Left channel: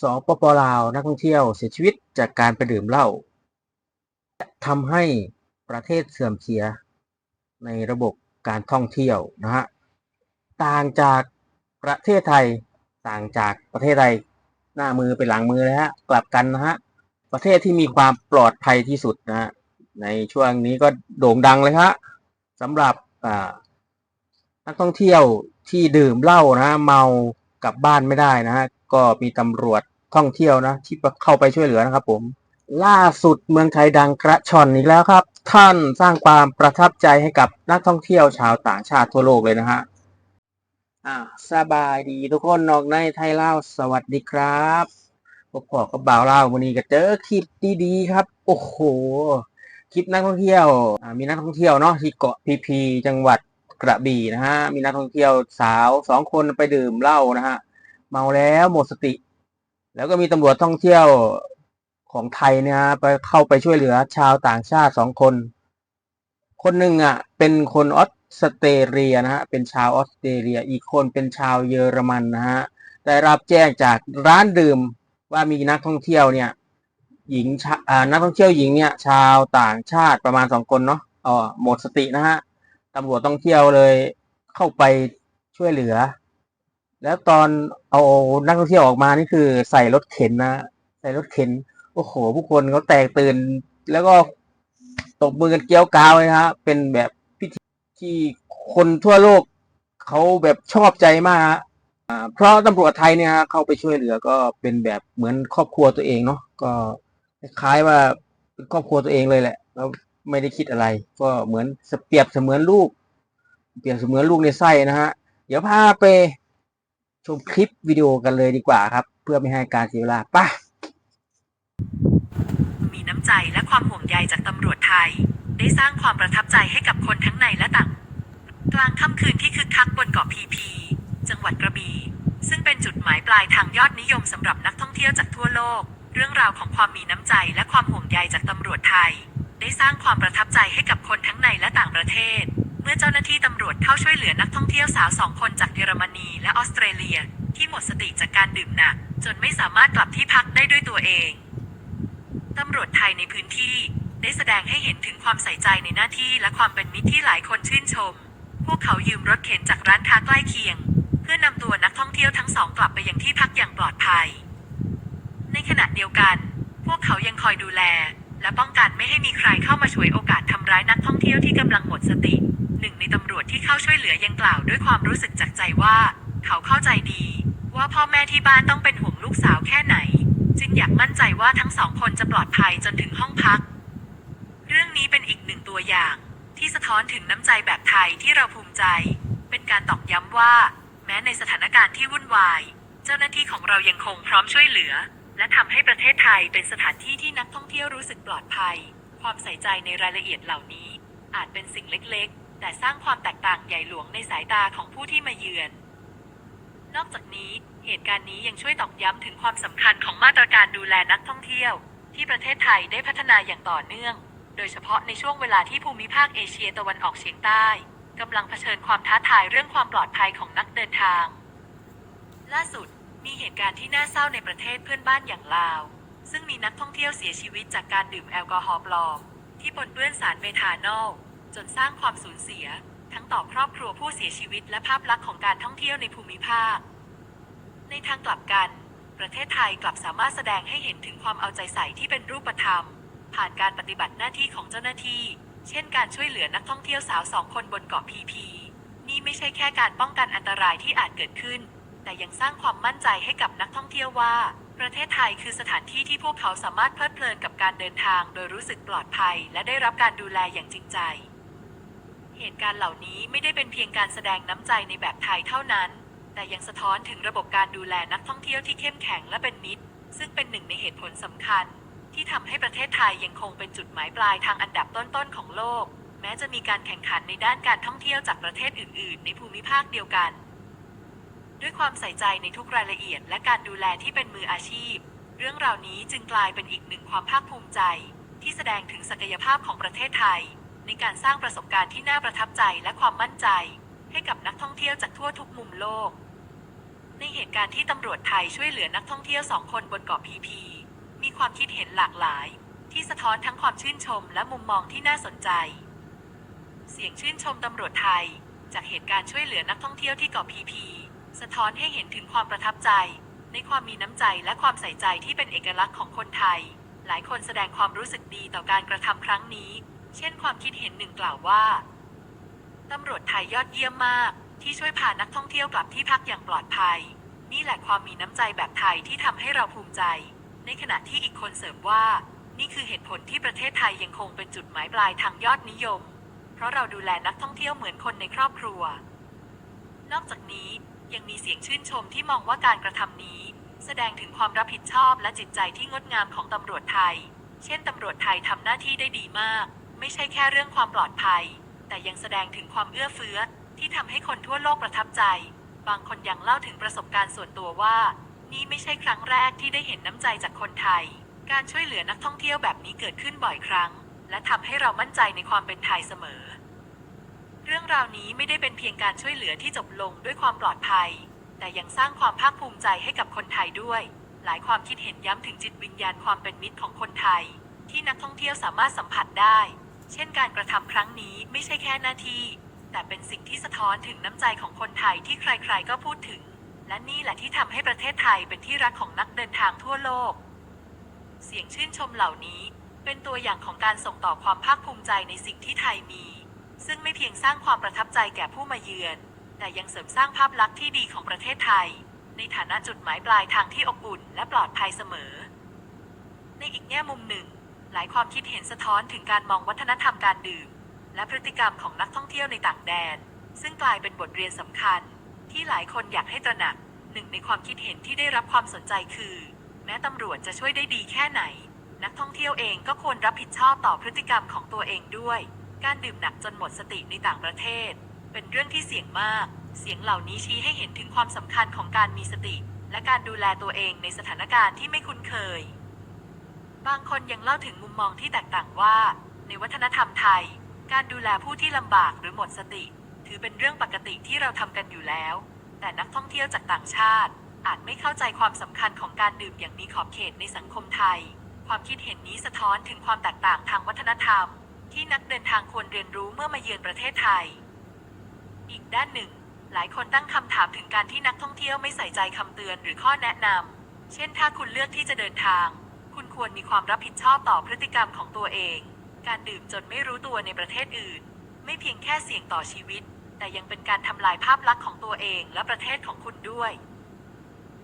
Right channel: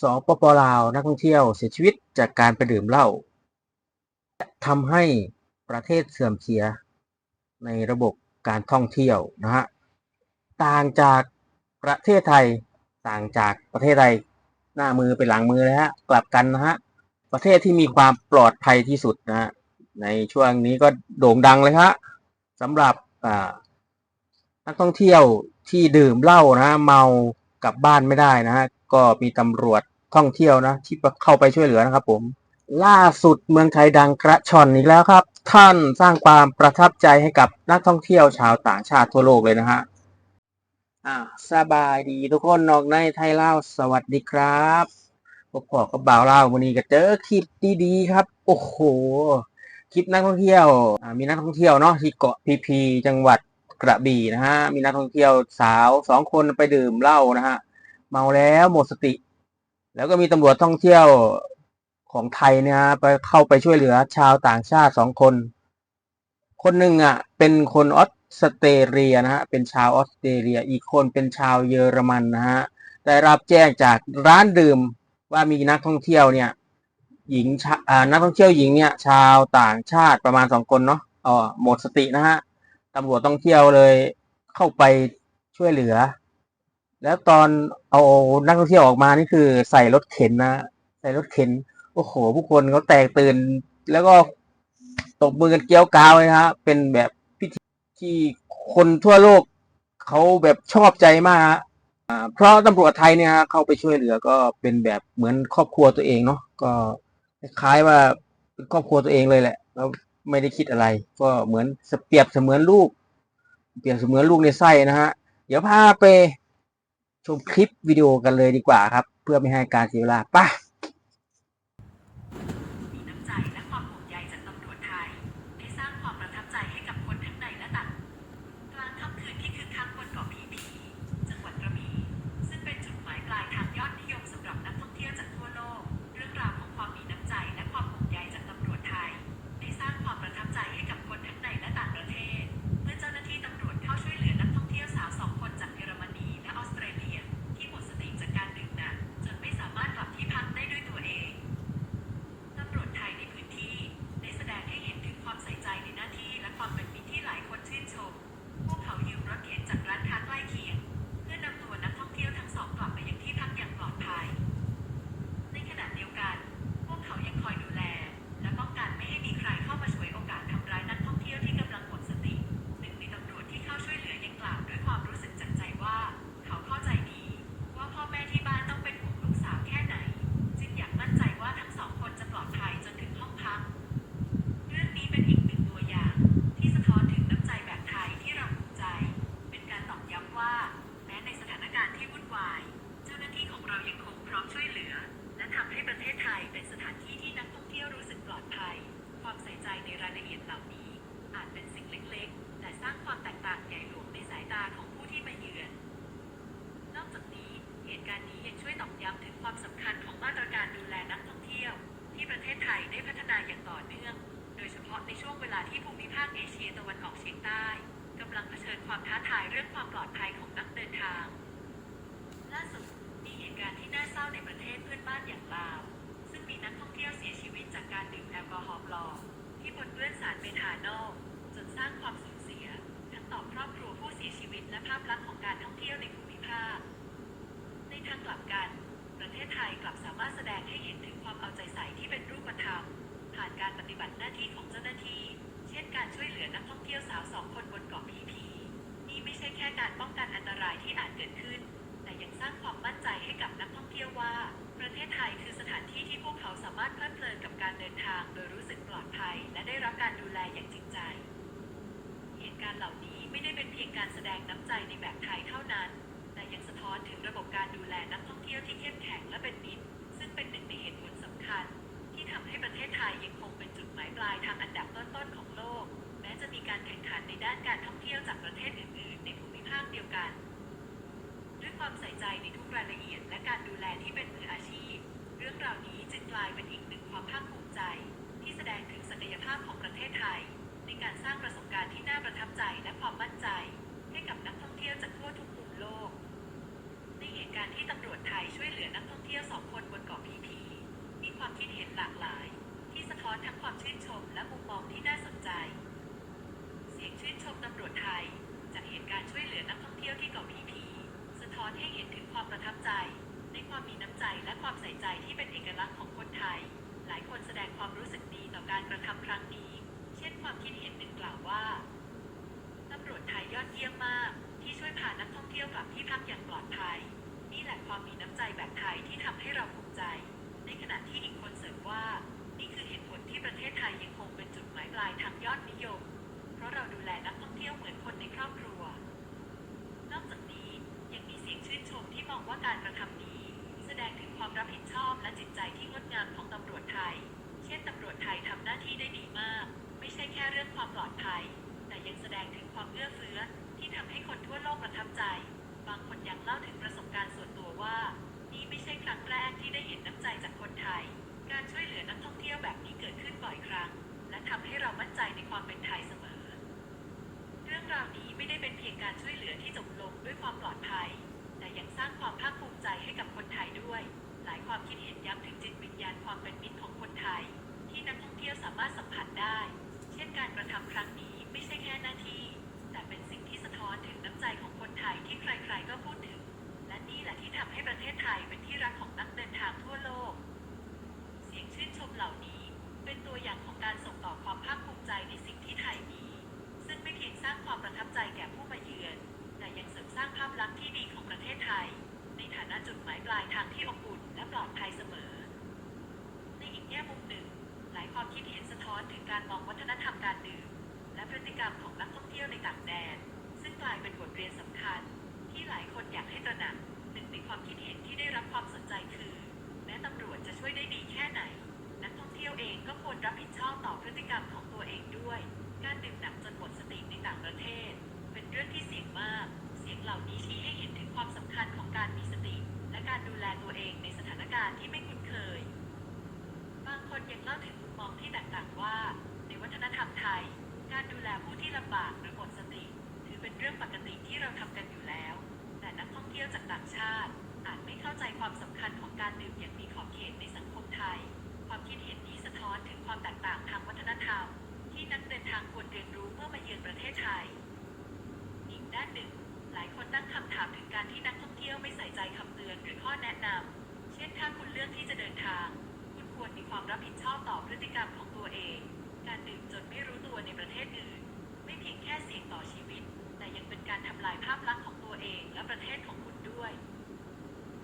สปปลาวนักท่องเที่ยวเสียชีวิตจากการไปดื่มเหล้าทำให้ประเทศเสื่อมเสียในระบบการท่องเที่ยวนะฮะต่างจากประเทศไทยต่างจากประเทศไทยหน้ามือเป็นหลังมือเลยฮะกลับกันนะฮะประเทศที่มีความปลอดภัยที่สุดนะฮะในช่วงนี้ก็โด่งดังเลยฮะสำหรับนักท่องเที่ยวที่ดื่มเหล้านะเมากลับบ้านไม่ได้นะฮะก็มีตำรวจ ท่องเที่ยวนะ ที่เข้าไปช่วยเหลือนะครับ ผม ล่าสุดเมืองไทยดังกระชอนอีกแล้วครับ ท่านสร้างความประทับใจให้กับนักท่องเที่ยวชาวต่างชาติทั่วโลกเลยนะฮะอ่าสบายดีทุกคนนอกในไทยเล่าสวัสดีครับพวกพ่อกับบ่าวเล่าวันนี้ก็เจอคลิปดีๆครับ โอ้โหคลิปนักท่องเที่ยวมีนักท่องเที่ยวเนาะที่เกาะพีพีจังหวัดกระบี่นะฮะมีนักท่องเที่ยวสาวสองคนไปดื่มเหล้านะฮะเมาแล้วหมดสติ แล้วก็มีตำรวจท่องเที่ยวของไทยเนี่ยไปเข้าไปช่วยเหลือชาวต่างชาติสองคน คนหนึ่งอะเป็นคนออสเตรเลียนะฮะเป็นชาวออสเตรเลีย อีกคนเป็นชาวเยอรมันนะฮะได้รับแจ้งจากร้านดื่มว่ามีนักท่องเที่ยวเนี่ยหญิงชาอ่านักท่องเที่ยวหญิงเนี่ยชาวต่างชาติประมาณสองคนเนาะอ๋อหมดสตินะฮะตำรวจท่องเที่ยวเลยเข้าไปช่วยเหลือ แล้วตอนเอานักท่องเที่ยวออกมานี่คือใส่รถเข็นนะใส่รถเข็น โอ้โห ผู้คนเขาแตกตื่น แล้วก็ตบมือกันเกี้ยวกาวเลยฮะเป็นแบบพิธีที่คนทั่วโลกเขาแบบชอบใจมากฮะอ่าเพราะตำรวจไทยเนี่ยเข้าไปช่วยเหลือก็เป็นแบบเหมือนครอบครัวตัวเองเนาะก็คล้ายว่าเป็นครอบครัวตัวเองเลยแหละ แล้วไม่ได้คิดอะไร ก็เหมือนเปรียบเสมือนลูก เปรียบเสมือนลูกในไส้นะฮะ เดี๋ยวพาไป ชมคลิปวิดีโอกันเลยดีกว่าครับ เพื่อไม่ให้การเสียเวลาป่ะมีน้ำใจและความห่วงใยจากตำรวจไทย ได้สร้างความประทับใจให้กับคนทั้งในและต่าง กลางค่ำคืนที่คึกคักบนเกาะพีพี จังหวัดกระบี่ซึ่งเป็นจุดหมายปลายทางยอดนิยมสำหรับนักท่องเที่ยวจากทั่วโลก เรื่องราวของความมีน้ำใจและความห่วงใยจากตำรวจไทย ได้สร้างความประทับใจให้กับคนทั้งในและต่างประเทศ มื่อเจ้าหน้าที่ตำรวจเข้าช่วยเหลือนักท่องเที่ยวสาวสองคนจากเยอรมนีและออสเตรเลีย ที่หมดสติจากการดื่มหนัก จนไม่สามารถกลับที่พักได้ด้วยตัวเอง ตำรวจไทยในพื้นที่ได้แสดงให้เห็นถึงความใส่ใจในหน้าที่และความเป็นมิตรที่หลายคนชื่นชม พวกเขายืมรถเข็นจากร้านค้าใกล้เคียง เพื่อนำตัวนักท่องเที่ยวทั้งสองกลับไปยังที่พักอย่างปลอดภัย ในขณะเดียวกัน พวกเขายังคอยดูแล และป้องกันไม่ให้มีใครเข้ามาฉวยโอกาสทำร้ายนักท่องเที่ยวที่กำลังหมดสติ หนึ่งในตำรวจที่เข้าช่วยเหลือยังกล่าวด้วยความรู้สึกจากใจว่า เขาเข้าใจดี ว่าพ่อแม่ที่บ้านต้องเป็นห่วงลูกสาวแค่ไหน จึงอยากมั่นใจว่าทั้งสองคนจะปลอดภัยจนถึงห้องพัก เรื่องนี้เป็นอีกหนึ่งตัวอย่าง ที่สะท้อนถึงน้ำใจแบบไทยที่เราภูมิใจ เป็นการตอกย้ำว่า แม้ในสถานการณ์ที่วุ่นวาย เจ้าหน้าที่ของเรายังคงพร้อมช่วยเหลือ และทำให้ประเทศไทยเป็นสถานที่ที่นักท่องเที่ยวรู้สึกปลอดภัย ความใส่ใจในรายละเอียดเหล่านี้ อาจเป็นสิ่งเล็กๆ แต่สร้างความแตกต่างใหญ่หลวงในสายตาของผู้ที่มาเยือน นอกจากนี้เหตุการณ์นี้ยังช่วยตอกย้ำถึงความสำคัญของมาตรการดูแลนักท่องเที่ยว ที่ประเทศไทยได้พัฒนาอย่างต่อเนื่อง โดยเฉพาะในช่วงเวลาที่ภูมิภาคเอเชียตะวันออกเฉียงใต้กำลังเผชิญความท้าทายเรื่องความปลอดภัยของนักเดินทาง ล่าสุดมีเหตุการณ์ที่น่าเศร้าในประเทศเพื่อนบ้านอย่างลาว ซึ่งมีนักท่องเที่ยวเสียชีวิตจากการดื่มแอลกอฮอล์ปลอมที่ปนเปื้อนสารเบทานอล จนสร้างความสูญเสีย ทั้งต่อครอบครัวผู้เสียชีวิตและภาพลักษณ์ของการท่องเที่ยวในภูมิภาค ในทางกลับกัน ประเทศไทยกลับสามารถแสดงให้เห็นถึงความเอาใจใส่ที่เป็นรูปธรรม ผ่านการปฏิบัติหน้าที่ของเจ้าหน้าที่ เช่นการช่วยเหลือนักท่องเที่ยวสาวสองคนบนเกาะพีพี นี่ไม่ใช่แค่การป้องกันอันตรายที่อาจเกิดขึ้น แต่ยังสร้างความมั่นใจให้กับนักท่องเที่ยวว่า ประเทศไทยคือสถานที่ที่พวกเขาสามารถเพลิดเพลินกับการเดินทาง โดยรู้สึกปลอดภัย และได้รับการดูแลอย่างจริงใจ เหตุการณ์เหล่านี้ไม่ได้เป็นเพียงการแสดงน้ำใจในแบบไทยเท่านั้น แต่ยังสะท้อนถึงระบบการดูแลนักท่องเที่ยวที่เข้มแข็งและเป็นมิตร ซึ่งเป็นหนึ่งในเหตุผลสำคัญ ที่ทำให้ประเทศไทยยังคงเป็นจุดหมายปลายทางอันดับต้นๆของโลก แม้จะมีการแข่งขันในด้านการท่องเที่ยวจากประเทศอื่น ๆ ในภูมิภาคเดียวกัน ด้วยความใส่ใจในทุกรายละเอียด และการดูแลที่เป็นมืออาชีพ เรื่องราวนี้จึงกลายเป็นอีกหนึ่งความภาคภูมิใจ ที่แสดงถึงศักยภาพของประเทศไทย ในการสร้างประสบการณ์ที่น่าประทับใจและความมั่นใจ ให้กับนักท่องเที่ยวจากทั่วทุกมุมโลก ในเหตุการณ์ที่ตำรวจไทยช่วยเหลือนักท่องเที่ยวสองคนบนเกาะพีพี มีความคิดเห็นหลากหลาย ที่สะท้อนทั้งความชื่นชมและมุมมองที่น่าสนใจ เสียงชื่นชมตำรวจไทย จากเหตุการณ์ช่วยเหลือนักท่องเที่ยวที่เกาะพีพี สะท้อนให้เห็นถึงความประทับใจ ในความมีน้ำใจและความใส่ใจที่เป็นเอกลักษณ์ของคนไทย หลายคนแสดงความรู้สึกดีต่อการกระทำครั้งนี้ เช่นความคิดเห็นหนึ่งกล่าวว่าตำรวจไทยยอดเยี่ยมมาก ที่ช่วยพานักท่องเที่ยวกลับที่พักอย่างปลอดภัย นี่แหละความมีน้ำใจแบบไทยที่ทำให้เราภูมิใจ ในขณะที่อีกคนเสริมว่า นี่คือเหตุผลที่ประเทศไทยยังคงเป็นจุดหมายปลายทางยอดนิยม เพราะเราดูแลนักท่องเที่ยวเหมือนคนในครอบครัว นอกจากนี้ยังมีเสียงชื่นชมที่มองว่าการกระทำนี้ แสดงถึงความรับผิดชอบและจิตใจที่งดงามของตำรวจไทย เช่นตำรวจไทยทำหน้าที่ได้ดีมาก ไม่ใช่แค่เรื่องความปลอดภัย แต่ยังแสดงถึงความเอื้อเฟื้อ ที่ทำให้คนทั่วโลกประทับใจ บางคนยังเล่าถึงประสบการณ์ส่วนตัวว่า นี่ไม่ใช่ครั้งแรกที่ได้เห็นน้ำใจจากคนไทย การช่วยเหลือนักท่องเที่ยวแบบนี้เกิดขึ้นบ่อยครั้ง และทำให้เรามั่นใจในความเป็นไทยเสมอ เรื่องราวนี้ไม่ได้เป็นเพียงการช่วยเหลือที่จบลงด้วยความปลอดภัย แต่ยังสร้างความภาคภูมิใจให้กับคนไทยด้วย หลายความคิดเห็นย้ำถึงจิตวิญญาณความเป็นมิตรของคนไทย ที่นักท่องเที่ยวสามารถสัมผัสได้ เช่นการกระทำครั้งนี้ไม่ใช่แค่หน้าที่ แต่เป็นสิ่งที่สะท้อนถึงน้ำใจของคนไทยที่ใครๆก็พูดถึง และนี่แหละที่ทำให้ประเทศไทยเป็นที่รักของนักเดินทางทั่วโลก เสียงชื่นชมเหล่านี้เป็นตัวอย่างของการส่งต่อความภาคภูมิใจในสิ่งที่ไทยมี ซึ่งไม่เพียงสร้างความประทับใจแก่ผู้มาเยือน แต่ยังเสริมสร้างภาพลักษณ์ที่ดีของประเทศไทย ในฐานะจุดหมายปลายทางที่อบอุ่นและปลอดภัยเสมอ ในอีกแง่มุมหนึ่ง หลายความคิดเห็นสะท้อนถึงการมองวัฒนธรรมการดื่ม และพฤติกรรมของนักท่องเที่ยวในต่างแดน ซึ่งกลายเป็นบทเรียนสำคัญ ที่หลายคนอยากให้ตระหนัก หนึ่งในความคิดเห็นที่ได้รับความสนใจคือ แม้ตำรวจจะช่วยได้ดีแค่ไหน นักท่องเที่ยวเองก็ควรรับผิดชอบต่อพฤติกรรมของตัวเองด้วย การดื่มหนักจนหมดสติในต่างประเทศ เป็นเรื่องที่เสี่ยงมาก เสียงเหล่านี้ชี้ให้เห็นถึงความสำคัญของการมีสติ และการดูแลตัวเองในสถานการณ์ที่ไม่คุ้นเคย บางคนยังเล่าถึงมุมมองที่แตกต่างว่า ในวัฒนธรรมไทย การดูแลผู้ที่ลำบากหรือหมดสติ ถือเป็นเรื่องปกติที่เราทำกันอยู่แล้ว แต่นักท่องเที่ยวจากต่างชาติ อาจไม่เข้าใจความสำคัญของการดื่มอย่างมีขอบเขตในสังคมไทย ความคิดเห็นนี้สะท้อนถึงความแตกต่างทางวัฒนธรรม ที่นักเดินทางควรเรียนรู้เมื่อมาเยือนประเทศไทย อีกด้านหนึ่ง หลายคนตั้งคำถามถึงการที่นักท่องเที่ยวไม่ใส่ใจคำเตือนหรือข้อแนะนำเช่นถ้าคุณเลือกที่จะเดินทาง ควรมีความรับผิดชอบต่อพฤติกรรมของตัวเอง การดื่มจนไม่รู้ตัวในประเทศอื่น ไม่เพียงแค่เสี่ยงต่อชีวิต แต่ยังเป็นการทำลายภาพลักษณ์ของตัวเองและประเทศของคุณด้วย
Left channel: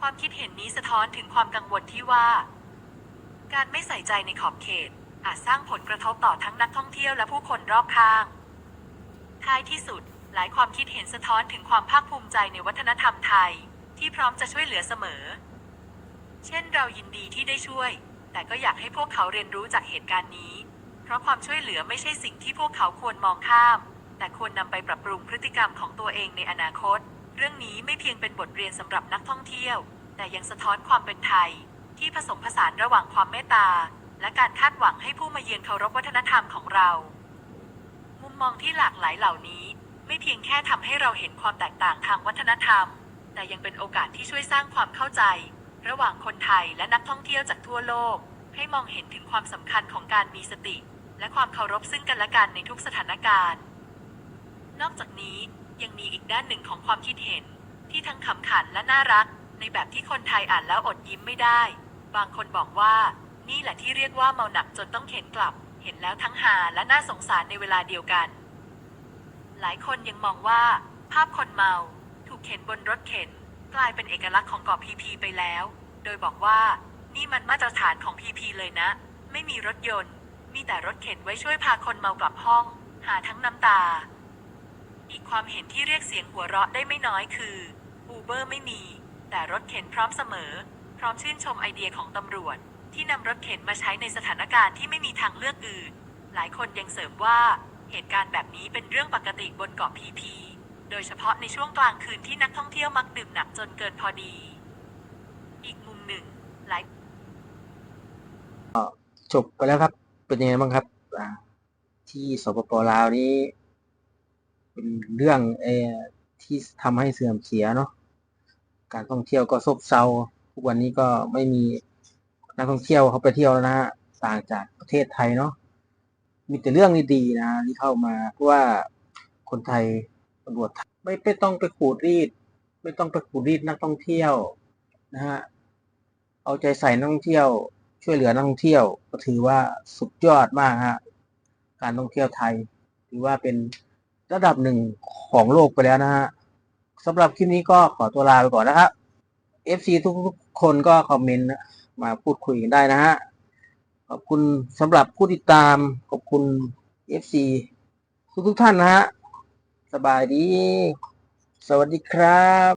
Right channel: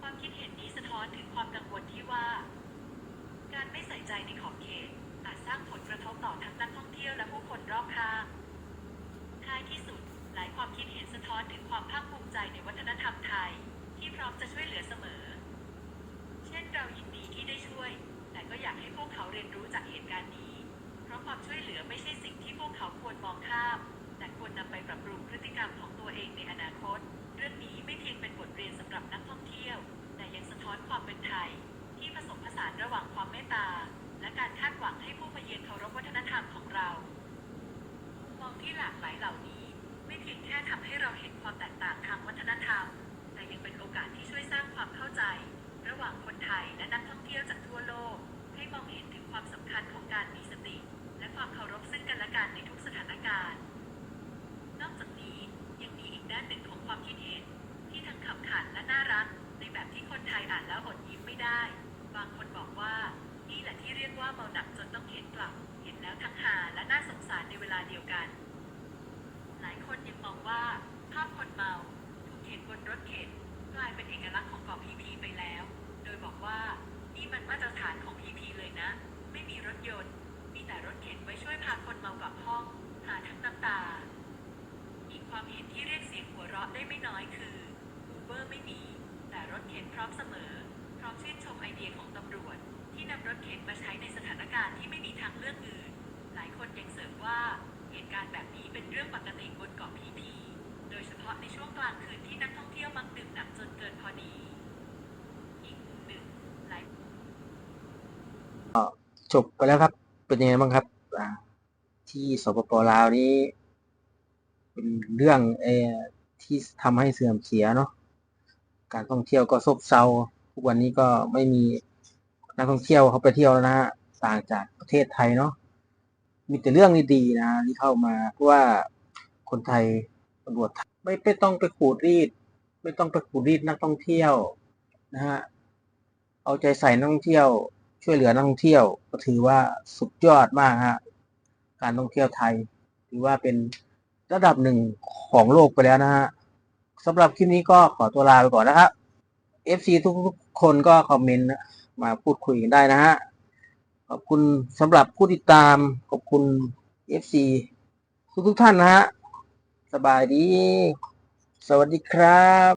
ความคิดเห็นนี้สะท้อนถึงความกังวลที่ว่า การไม่ใส่ใจในขอบเขต อาจสร้างผลกระทบต่อทั้งนักท่องเที่ยวและผู้คนรอบข้าง ท้ายที่สุด หลายความคิดเห็นสะท้อนถึงความภาคภูมิใจในวัฒนธรรมไทย ที่พร้อมจะช่วยเหลือเสมอ เช่นเรายินดีที่ได้ช่วย แต่ก็อยากให้พวกเขาเรียนรู้จากเหตุการณ์นี้ เพราะความช่วยเหลือไม่ใช่สิ่งที่พวกเขาควรมองข้าม แต่ควรนำไปปรับปรุงพฤติกรรมของตัวเองในอนาคต เรื่องนี้ไม่เพียงเป็นบทเรียนสำหรับนักท่องเที่ยว แต่ยังสะท้อนความเป็นไทย ที่ผสมผสานระหว่างความเมตตา และการคาดหวังให้ผู้มาเยือนเคารพวัฒนธรรมของเรา มุมมองที่หลากหลายเหล่านี้ ไม่เพียงแค่ทำให้เราเห็นความแตกต่างทางวัฒนธรรม แต่ยังเป็นโอกาสที่ช่วยสร้างความเข้าใจ ระหว่างคนไทยและนักท่องเที่ยวจากทั่วโลก ให้มองเห็นถึงความสำคัญของการมีสติ และความเคารพซึ่งกันและกันในทุกสถานการณ์ นอกจากนี้ยังมีอีกด้านหนึ่งของความคิดเห็น ที่ทั้งขำขันและน่ารัก ในแบบที่คนไทยอ่านแล้วอดยิ้มไม่ได้ บางคนบอกว่า นี่แหละที่เรียกว่าเมาหนักจนต้องเข็นกลับ เห็นแล้วทั้งหาและน่าสงสารในเวลาเดียวกัน หลายคนยังมองว่า ภาพคนเมา ถูกเข็นบนรถเข็น กลายเป็นเอกลักษณ์ของเกาะพีพีไปแล้ว โดยบอกว่า นี่มันมาตรฐานของพีพีเลยนะ ไม่มีรถยนต์ มีแต่รถเข็นไว้ช่วยพาคนเมากลับห้อง หาทั้งน้ำตา อีกความเห็นที่เรียกเสียงหัวเราะได้ไม่น้อยคืออูเบอร์ไม่มี แต่รถเข็นพร้อมเสมอ พร้อมชื่นชมไอเดียของตำรวจ ที่นำรถเข็นมาใช้ในสถานการณ์ที่ไม่มีทางเลือกอื่น หลายคนยังเสริมว่าเหตุการณ์แบบนี้เป็นเรื่องปกติบนเกาะพีพี โดยเฉพาะในช่วงกลางคืนที่นักท่องเที่ยวมักดื่มหนักจนเกินพอดี อีกมุมหนึ่งหลายจบไปแล้วครับ เป็นยังไงบ้างครับที่สปปลาวนี้ เป็นเรื่องเอที่ทำให้เสื่อมเสียเนาะการท่องเที่ยวก็ซบเซาทุกวันนี้ก็ไม่มีนักท่องเที่ยวเขาไปเที่ยวแล้วนะฮะต่างจากประเทศไทยเนาะมีแต่เรื่องดีๆนะที่เข้ามาเพราะว่าคนไทย ตำรวจไทยไม่ไม่ต้องไปขูดรีด ไม่ต้องไปขูดรีดนักท่องเที่ยวนะฮะเอาใจใส่นักท่องเที่ยว ช่วยเหลือนักท่องเที่ยว ก็ถือว่าสุดยอดมากฮะการท่องเที่ยวไทย ถือว่าเป็นระดับหนึ่งของโลกไปแล้วนะฮะสำหรับคลิปนี้ก็ขอตัวลาไปก่อนนะครับ FC ทุกๆคนก็คอมเมนต์มาพูดคุยกันได้นะฮะขอบคุณสำหรับผู้ติดตามขอบคุณ FC ทุกๆท่านนะฮะ สบายดี สวัสดีครับ